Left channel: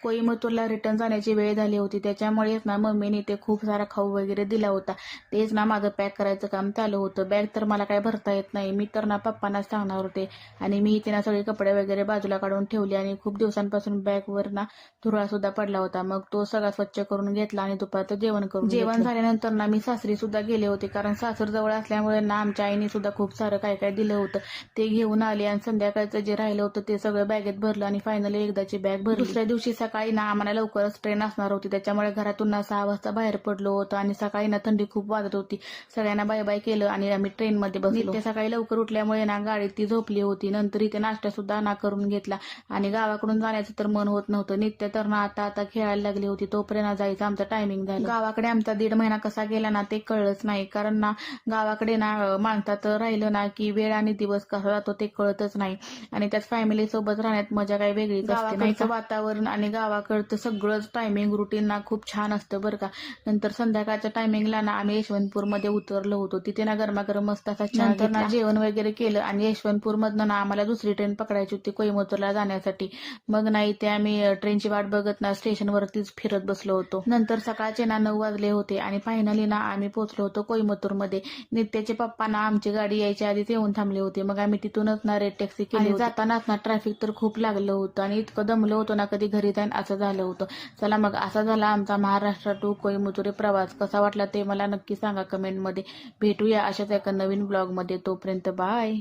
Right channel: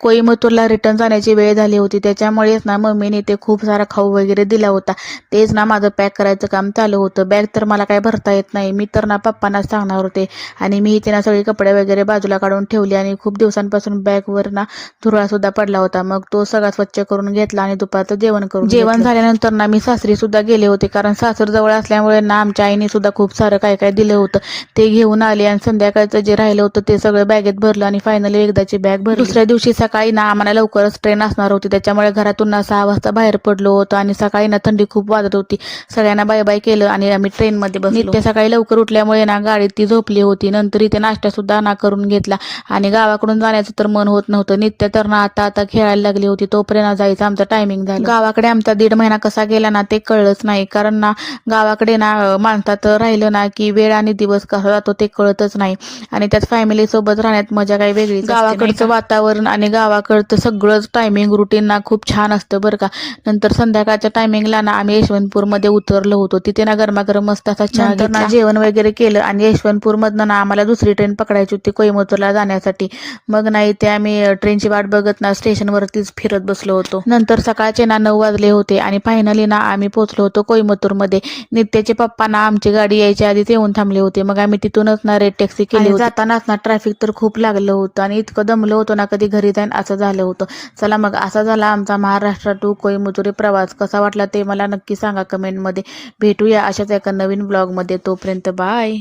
कोईमतूरला return जाण्याची वेळ झाली होती, त्याच्यामुळेच ना मम्मीने ते खूप सारा खाऊ वगैरे दिला होता. तेच ना माझं पॅक करायचं काम चालू होतं. बॅग तर मला काय भरता येत नाही, मी तर ना पप्पांनाच सांगणार होते. आणि मी इथे ना सगळे कपडे वगैरे बाजूला काढून ठेवले आणि खूप दिवसांपासून बॅगवर ना धुरळा सुद्धा पडला होता. मग तो सगळा स्वच्छ करून घेतला आणि दुपारचं जेवण झाल्यानंतर ना मी सासरी सुद्धा गेले होते, कारण सासर जवळ असल्यामुळे ना आमच्या आईने सुद्धा खूप सारं काय काय दिलं होतं ते घेऊन आले. आणि संध्याकाळचं जे राहिलं होतं ते सगळं बॅगेत भरलं आणि फायनली एकदाची बॅग भरली. दुसऱ्या दिवशी सकाळी ना आम्हाला लवकरच ट्रेन असणार होती, त्याच्यामुळे घरातून ना 6 वाजता बाहेर पडलो होतो. आणि सकाळी ना थंडी खूप वाजत होती. सगळ्यांना बाय बाय केलं आणि आम्ही ट्रेनमध्ये बसलो. नित्या सकाळी लवकर उठल्यामुळे ना गाडीत ती झोपली होती. नंतर इथे नाश्ता सुद्धा ना करून घेतला आणि गावाकडून जाण्याचं तर मन होत नव्हतं. नित्या तर ना आता खेळायला लागली होती, तोपर्यंत जायचं आमचं टायमिंग झालं. गावाकडे आमचा 1.5 महिना कसा गेला ना ते कळलंच नाही, कारण ना गावाकडे ना माणसात राहिलं ना की वेळ आणि दिवस कसा जातो ते कळतच नाही. आणि त्यात फॅमिली सोबत राहण्यात मजा काही वेगळीच असते. गावाकडचं वातावरण आणि गावाकडचं सगळंच टायमिंग रुटीन ना खूप छान असतं बरं का. नंतर संध्याकाळच्या टायमिंगला ना आम्ही यशवंतपूरमध्ये उतरलो होतो. तिथे ना गरमागरम मस्त असा चहा घेतला, जेवण वगैरे केलं आणि यशवंतपूरमधनं ना आम्हाला दुसरी ट्रेन पकडायची होती कोईमतूरला जाण्यासाठी. मग नाही ते आम्ही ट्रेनची वाट बघत ना स्टेशनवरतीच फिरत बसलो होतो. नंतर सकाळचे ना 9 वाजले होते आणि फायनली ना आम्ही पोहोचलो होतो कोईमतूरमध्ये. नित्याचे पप्पा ना आमची गाडी यायच्या आधीच येऊन थांबले होते. मग आम्ही तिथूनच ना रेड टॅक्सी केली होती. जातानाच ना ट्रॅफिक तर खूप लागलं होतं आणि इतकं दमलो होतो ना कधी घरी जाईन असं झालं होतं. चला मग असा झाला आमचा महाराष्ट्र टू कोईमतूर प्रवास. कसा वाटला ते मला नक्की सांगा कमेंटमध्ये. भेटूया अशाच एका नवीन ब्लॉगमध्ये. तोपर्यंत बाय.